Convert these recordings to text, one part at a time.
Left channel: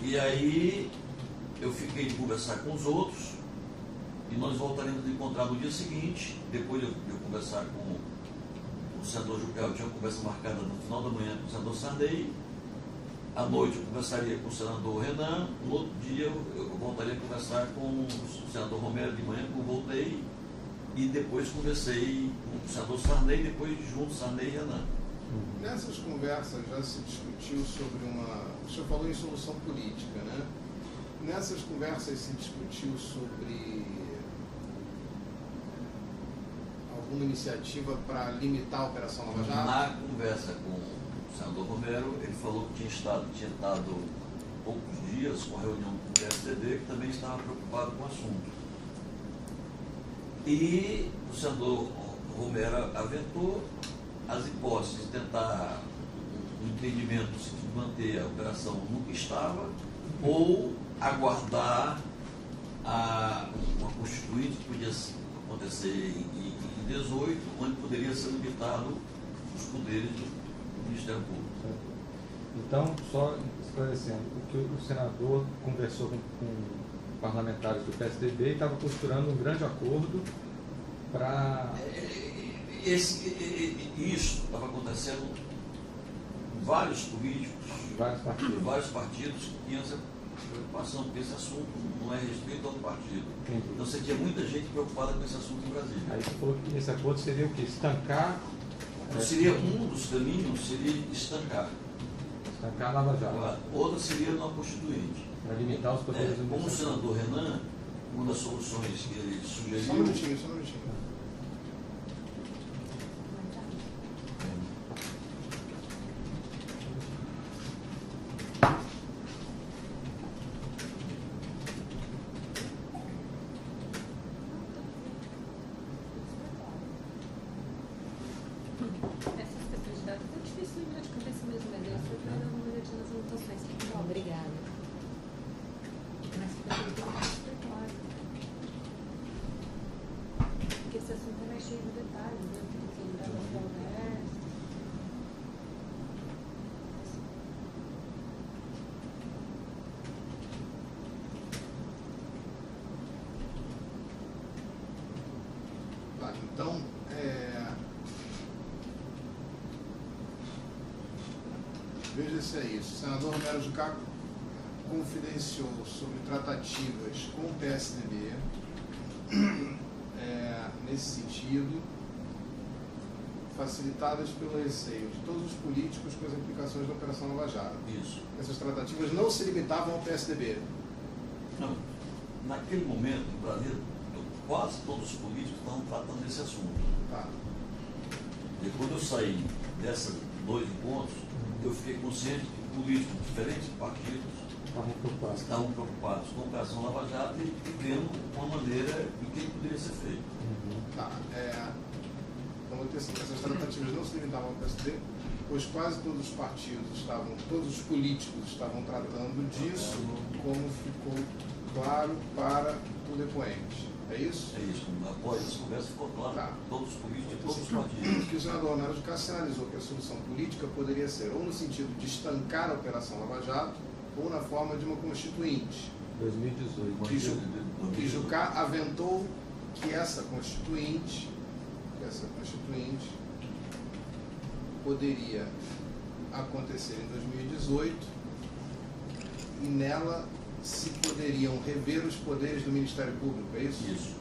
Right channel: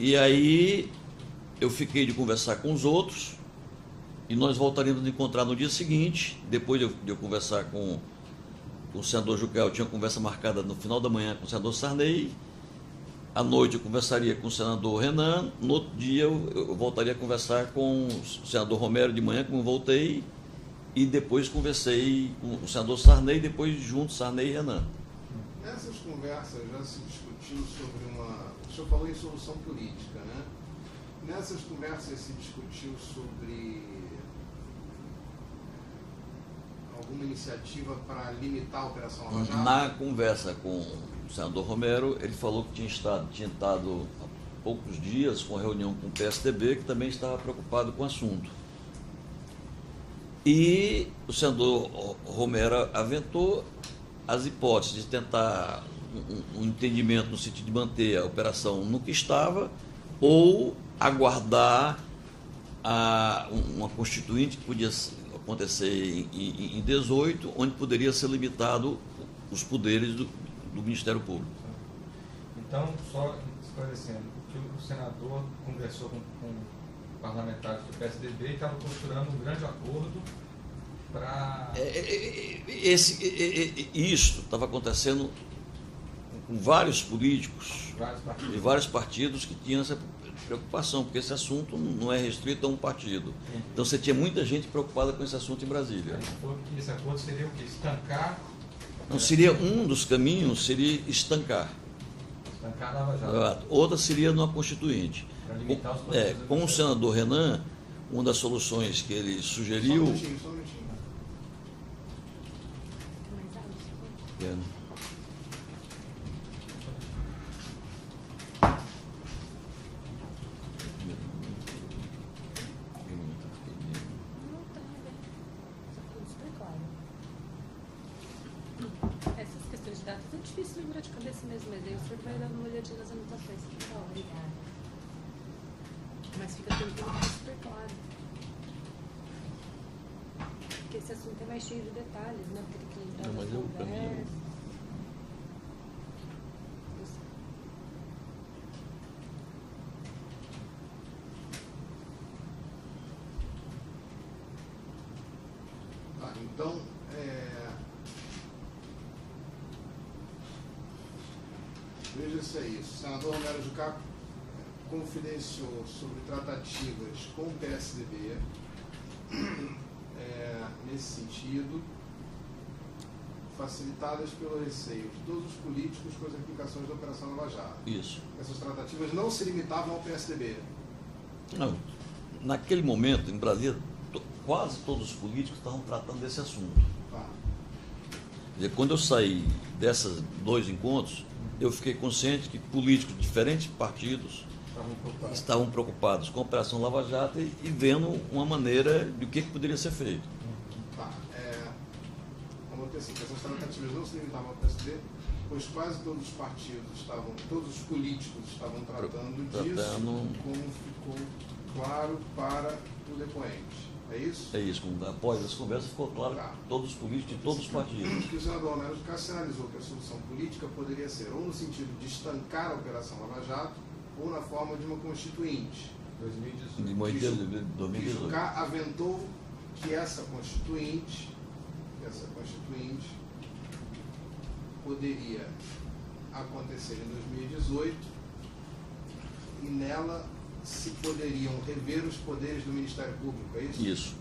E aí eu fiquei de conversar com os outros e nós voltaríamos a nos encontrar no dia seguinte, depois de eu conversar com o senador Jucá. Eu tinha uma conversa marcada no final da manhã com o senador Sarney. À noite eu conversaria com o senador Renan. No outro dia eu voltaria a conversar com o senador Romero de manhã, como eu voltei. E depois conversei com o senador Sarney, depois junto Sarney e Renan. Nessas conversas já se discutiu sobre uma... O senhor falou em solução política, né? Nessas conversas se discutiu sobre alguma iniciativa para limitar a Operação Lava Jato? Na conversa com o senador Romero, ele falou que tinha estado poucos dias com a reunião com o PSDB, que também estava preocupado com o assunto. E o senador Romero aventou as hipóteses de tentar um entendimento no sentido de manter a operação no que estava, ou aguardar uma constituinte que podia acontecer em 18, onde poderia ser limitado os poderes do Ministério Público. Então, só esclarecendo, o que o senador conversou com parlamentares do PSDB e estava costurando um grande acordo para... Isso estava acontecendo com vários políticos, vários partidos que tinham essa preocupação, porque esse assunto não é restrito a um partido. Entendi. Então você tinha muita gente preocupada com esse assunto em Brasília. Aí você falou que esse acordo seria o quê? Estancar... Então seria um dos caminhos, seria estancar. Estancar a Lava Jato. Outra seria numa constituinte. Para limitar os poderes do Com o Ministério. senador Renan, uma das soluções que ele Só um sugeriu... minutinho, só um minutinho. Essas questões de dados é difícil lembrar de cabeça mesmo, mas aí você vai dando uma olhadinha nas anotações. Obrigada. Mas fica tudo super claro. Porque esse assunto é mais cheio de detalhes, né? Tudo que entra Não, nas mas eu conversas. Tá, então, veja se é isso. O senador Romero Jucá confidenciou sobre tratativas com o PSDB nesse sentido, facilitadas pelo receio de todos os políticos com as implicações da Operação Lava Jato. Isso. Essas tratativas não se limitavam ao PSDB. Não. Naquele momento, em Brasília, quase todos os políticos estavam tratando desse assunto. Tá. Quer dizer, quando eu saí desses dois encontros, eu fiquei consciente que políticos de diferentes partidos estavam preocupados com a Operação Lava Jato e vendo uma maneira de o que poderia ser feito. Tá. Como assim, essas tratativas não se limitavam ao PSDB, pois quase todos os partidos todos os políticos estavam tratando disso, como ficou claro para o depoente. É isso? É isso. Após essa conversa ficou claro Tá. que todos os políticos de todos os partidos. Que o senador Romero Jucá sinalizou que a solução política poderia ser ou no sentido de estancar a Operação Lava Jato ou na forma de uma constituinte. 2018. E Jucá aventou que essa constituinte poderia acontecer em 2018 e nela se poderiam rever os poderes do Ministério Público, é isso? Isso.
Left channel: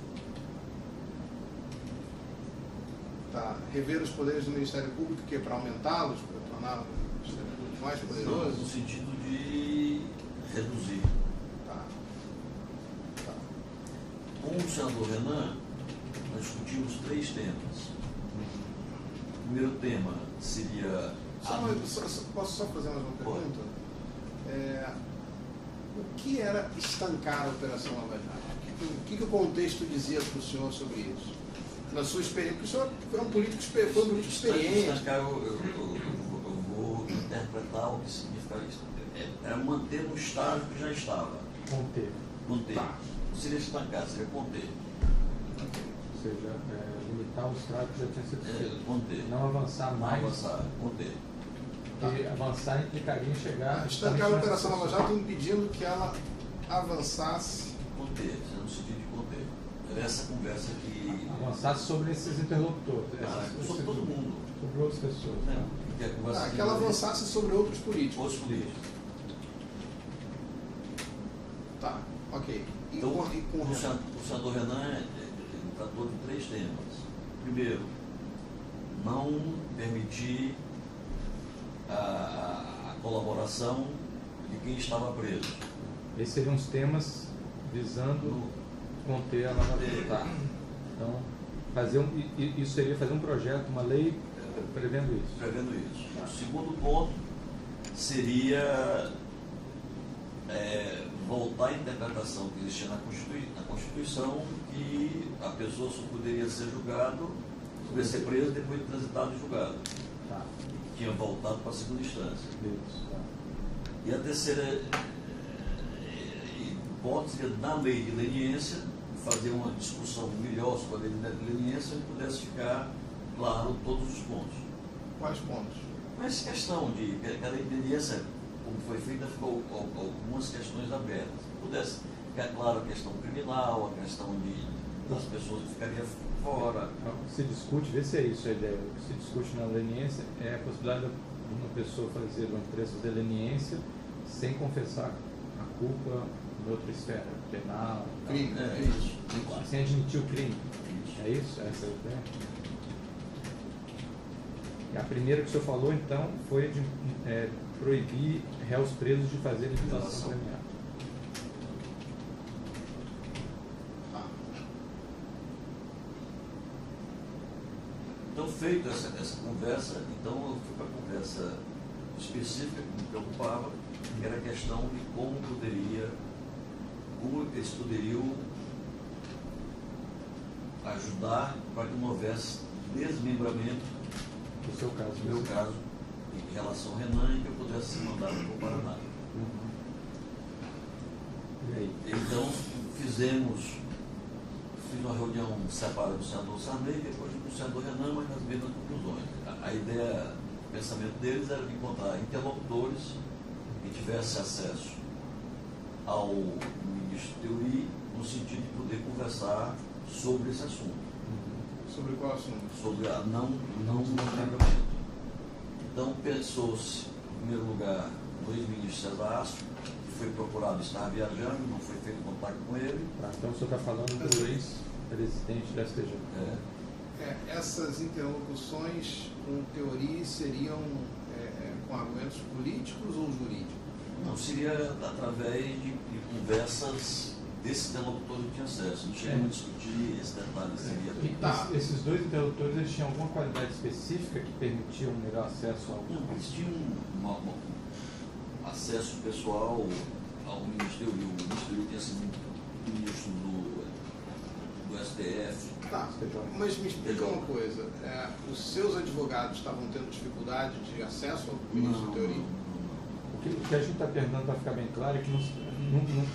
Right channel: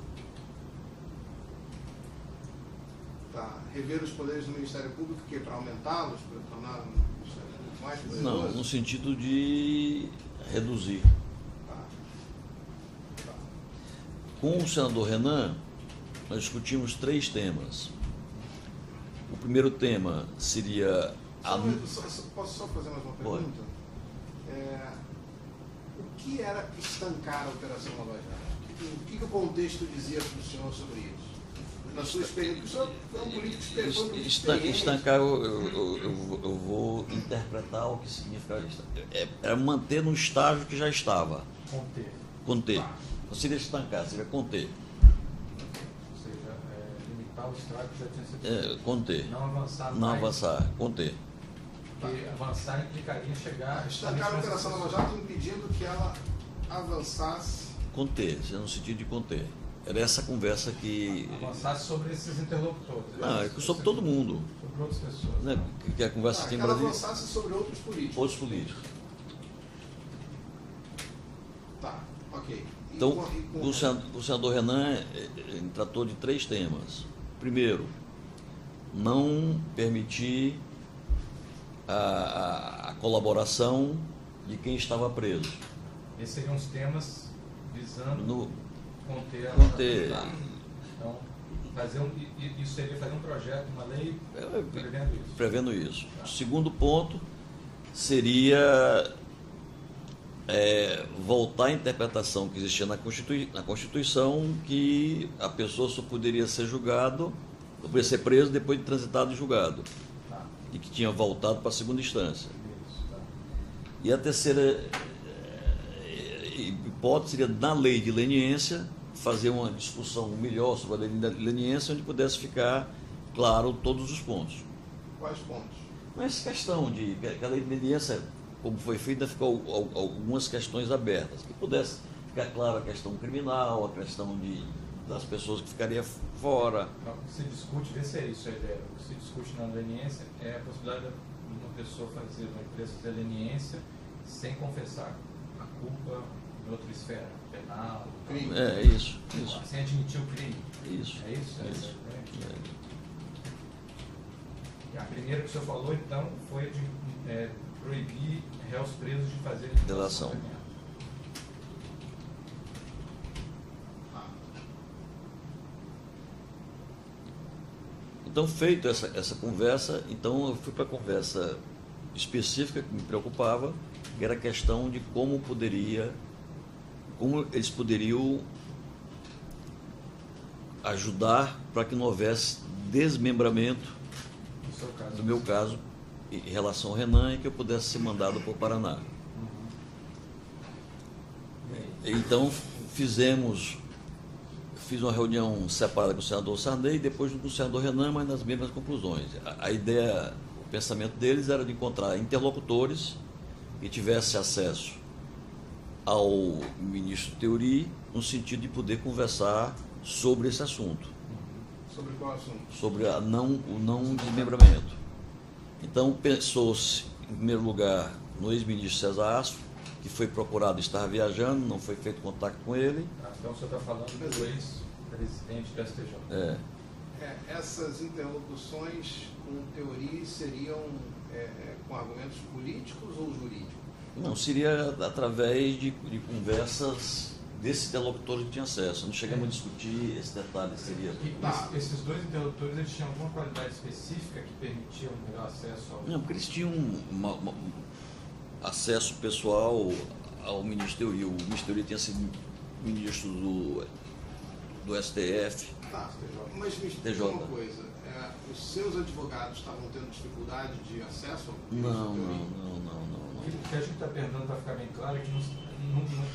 Tá. Rever os poderes do Ministério Público, que é para aumentá-los, para tornar o Ministério Público mais poderoso? Não, no sentido de reduzir. Tá. Tá. Com o senador Renan, nós discutimos 3 temas. O primeiro tema seria... Posso só fazer mais uma pergunta? O que era estancar a Operação Lava Jato? O que o contexto dizia para o senhor sobre isso? Na sua experiência, porque o senhor foi um político experiente. Estancar, eu vou interpretar o que significa isso. É manter no estágio que já estava. Conter. Tá. Não seria estancar, seria conter. Ou seja, limitar o estrago que já tinha sido feito. Conter. Não avançar Não mais. avançar, conter. porque avançar implicaria em chegar... Estancar a Operação Lava Jato impedindo que ela avançasse... Conter, no sentido de conter. Era essa conversa que... Avançasse sobre esses interlocutores. Sobre todo mundo. Sobre outras pessoas. Né? Que a conversa que ela avançasse sobre outros políticos. Outros políticos. Tá, ok. Então, o senador Renan tratou de 3 temas. Primeiro, não permitir a colaboração de quem estava preso. Esses seriam os temas visando conter ela. Então, isso seria fazer um projeto, uma lei prevendo isso. O segundo ponto seria voltar à interpretação que existia na Constituição, que a pessoa só poderia ser julgado, poderia ser preso depois de transitado e julgado. Tá. E que tinha voltado para a segunda instância. Isso, tá. E a terceira hipótese seria, na lei de leniência, fazer uma discussão melhor sobre a lei de leniência, onde pudesse ficar claro todos os pontos. Quais pontos? Mas questão de que a lei de leniência, como foi feita, ficou algumas questões abertas. Que pudesse ficar claro a questão criminal, a questão das pessoas que ficariam fora. Se discute, vê se é isso a ideia. O que se discute na leniência é a possibilidade de uma pessoa fazer uma empresa de leniência sem confessar a culpa em outra esfera, penal. Crime. É isso. Sem admitir o crime. Isso. É isso? É isso. E a primeira que o senhor falou, então, foi de proibir réus presos de fazer delação premiada. Então, feito essa conversa, então eu fui para a conversa específica que me preocupava, que era a questão de como eles poderiam ajudar para que não houvesse desmembramento, No seu caso, no meu caso, em relação ao Renan, e que eu pudesse ser mandado para o Paraná. Então, fiz uma reunião separada com o senador Sarney e depois com o senador Renan, mas nas mesmas conclusões. A ideia, o pensamento deles era de encontrar interlocutores que tivessem acesso ao ministro Teori, no sentido de poder conversar sobre esse assunto. Sobre qual assunto? Sobre o não desmembramento. Então, pensou-se, em primeiro lugar, no ex-ministro César Astro, que foi procurado estar viajando, não foi feito contato com ele. Então, o senhor está falando do ex-presidente do STJ. Essas interlocuções, com teoria, seriam com argumentos políticos ou jurídicos? Não, seria através de conversas desses interlocutores que tinham acesso. Não chegamos a discutir esse detalhe. Esses 2 interlocutores, eles tinham alguma qualidade específica que permitia um melhor acesso ao... Não, porque eles tinham acesso pessoal ao Ministro Teori. O Ministro Teori tinha sido ministro do STF. Tá, mas me explica uma coisa. Os seus advogados estavam tendo dificuldade de acesso ao Ministro Teori? Não. O que a gente está perguntando, para ficar bem claro, é que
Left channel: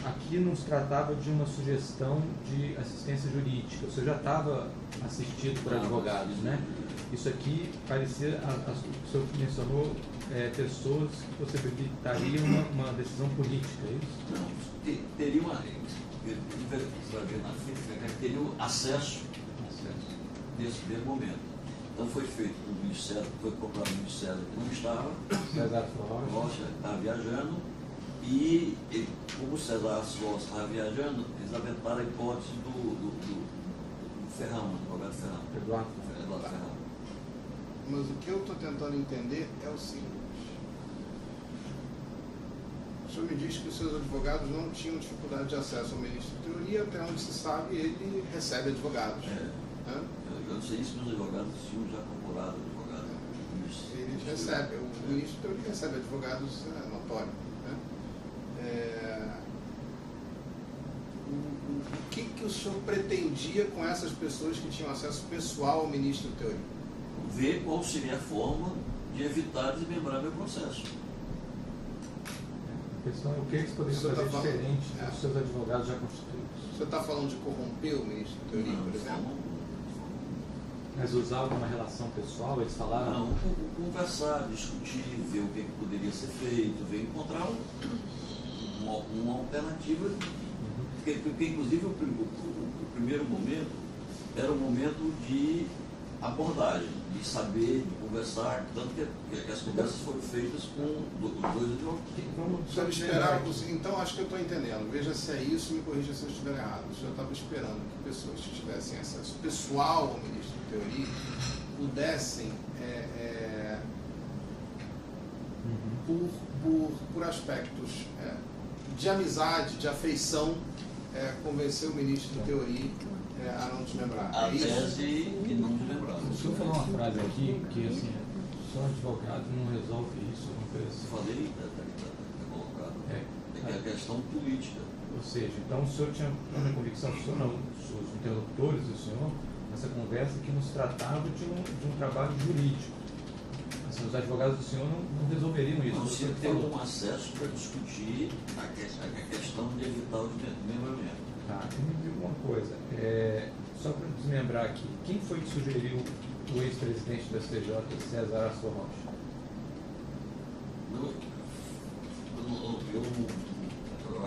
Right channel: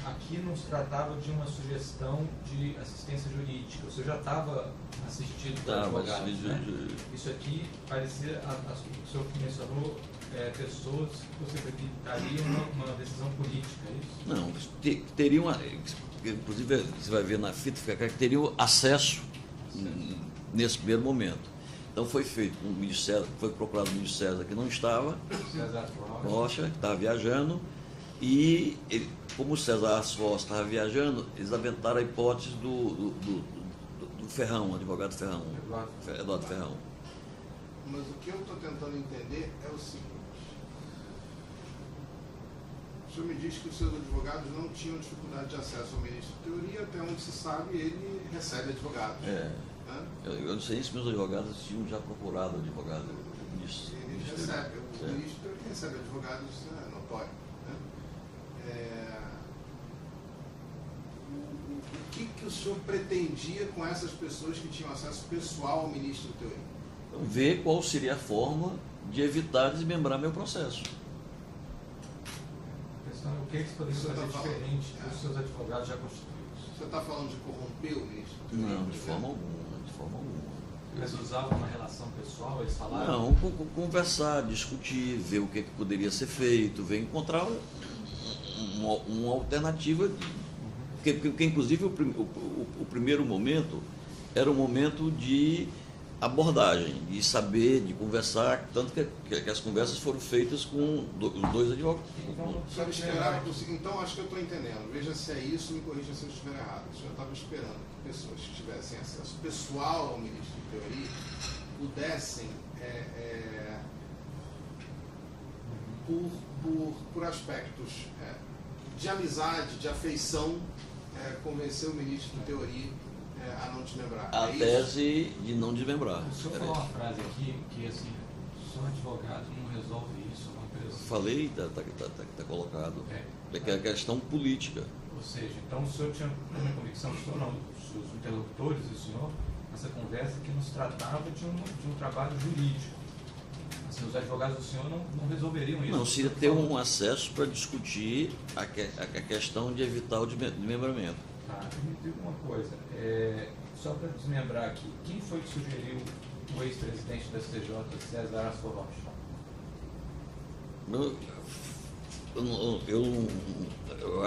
aqui não se tratava de uma sugestão de assistência jurídica. Você já estava assistido por advogados, né? Isso aqui parecia, o senhor mencionou, pessoas que possibilitariam uma decisão política, é isso? Não, teriam, inclusive você vai ver na fita, que teriam acesso nesse primeiro momento. Então foi feito com o ministro César, foi procurado o ministro César, que não estava, César Rocha, que estava viajando, e como o César Rocha estava viajando, eles aventaram a hipótese do Ferrão, advogado Ferrão. Eduardo Ferrão. Mas o que eu estou tentando entender é o seguinte: o senhor me diz que os seus advogados não tinham dificuldade de acesso ao ministro Teori, até onde se sabe ele recebe advogados. Eu não sei se meus advogados tinham já procurado advogado. Eles recebem, o ministro Teori recebe advogados, notório. O que o senhor pretendia com essas pessoas que tinham acesso pessoal ao ministro Teori? Ver qual seria a forma de evitar desmembrar meu processo. A questão é o que eles poderiam fazer diferente dos seus advogados já constituídos. Você está falando de corromper o ministro Teori, Não, por de exemplo? forma alguma. Mas usar alguma relação pessoal, eles falaram? Não, conversar, discutir, ver o que poderia ser feito, ver encontrar uma alternativa, porque inclusive o primeiro momento era um momento de abordagem, de saber, de conversar, tanto que as conversas foram feitas com os dois advogados. Sabe esperar, então acho que eu estou entendendo. Veja se é isso, me corrija se eu estiver errado. O senhor estava esperando que pessoas que tivessem acesso pessoal ao ministro de teoria pudessem, por aspectos de amizade, de afeição, convencer o ministro de teoria a não desmembrar. A tese e não desmembrar. O senhor falou uma frase aqui que assim, só advogado não resolve isso, alguma coisa assim. Falei, está colocado. É que é a questão política. Ou seja, então o senhor tinha uma convicção, o senhor não, os interlocutores do senhor, nessa conversa, que nos tratava de um trabalho jurídico. Assim, os advogados do senhor não resolveriam isso. Não se ia ter um acesso para discutir a questão de evitar o desmembramento. Tá, me diga uma coisa, só para desmembrar aqui, quem foi que sugeriu o ex-presidente do STJ, César Astor Rocha? Eu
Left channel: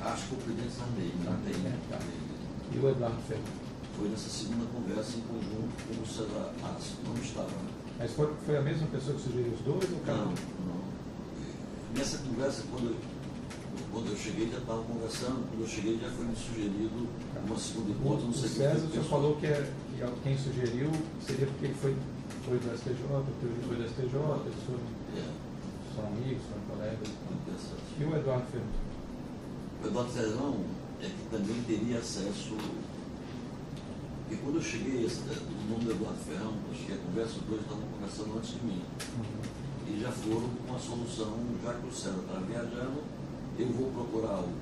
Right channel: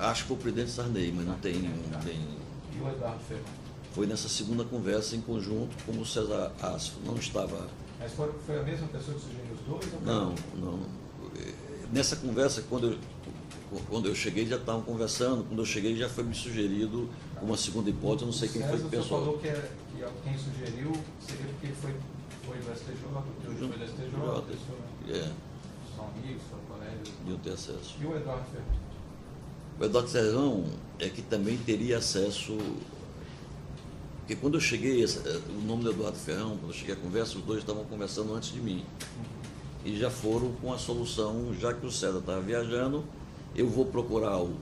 acho que foi o presidente Sarney, mas não tem. E o Eduardo Ferrão? Foi nessa segunda conversa em conjunto com o César Astor, não estava. Mas foi a mesma pessoa que sugeriu os dois? Ou não. Nessa conversa, quando eu cheguei, já estavam conversando. Quando eu cheguei, já foi me sugerido uma segunda hipótese. Não sei quem foi. O senhor falou que quem sugeriu seria porque ele foi do STJ, o teoria foi do STJ, eles são amigos, foram colegas. Não tem acesso. E o Eduardo Ferrão? O Eduardo Ferrão é que também teria acesso. Porque quando eu cheguei, o nome do Eduardo Ferrão, quando eu cheguei à conversa, os dois estavam conversando antes de mim. E já foram com a solução, já que o César estava viajando, eu vou procurar o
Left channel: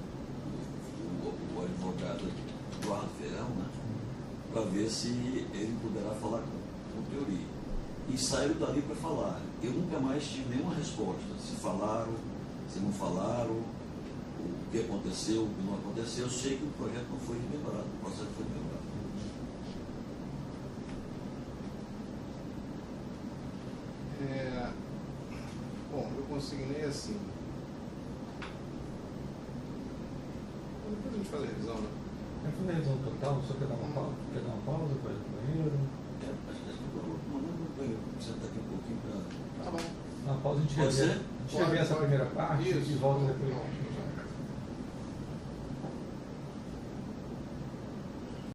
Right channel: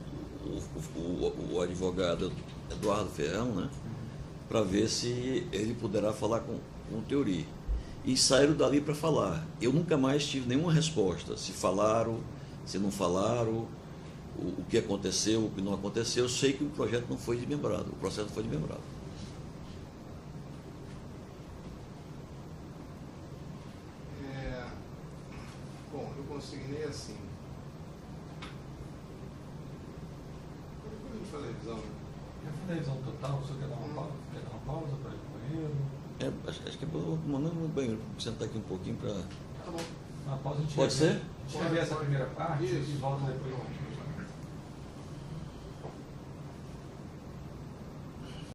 advogado Eduardo Ferrão, né, para ver se ele poderá falar com teoria. E saíram dali para falar. Eu nunca mais tive nenhuma resposta, se falaram, se não falaram, o que aconteceu, o que não aconteceu. Eu sei que o projeto não foi desmembrado, o processo foi desmembrado. Bom, eu consignei assim. Depois a gente faz a revisão, né? Vai fazer a revisão total? O senhor quer dar uma pausa para ir no banheiro? Acho que é bom mandar um banheiro, sentar aqui um pouquinho para. Tá bom. Na pausa a gente Pode ser? revê essa primeira parte e volta depois.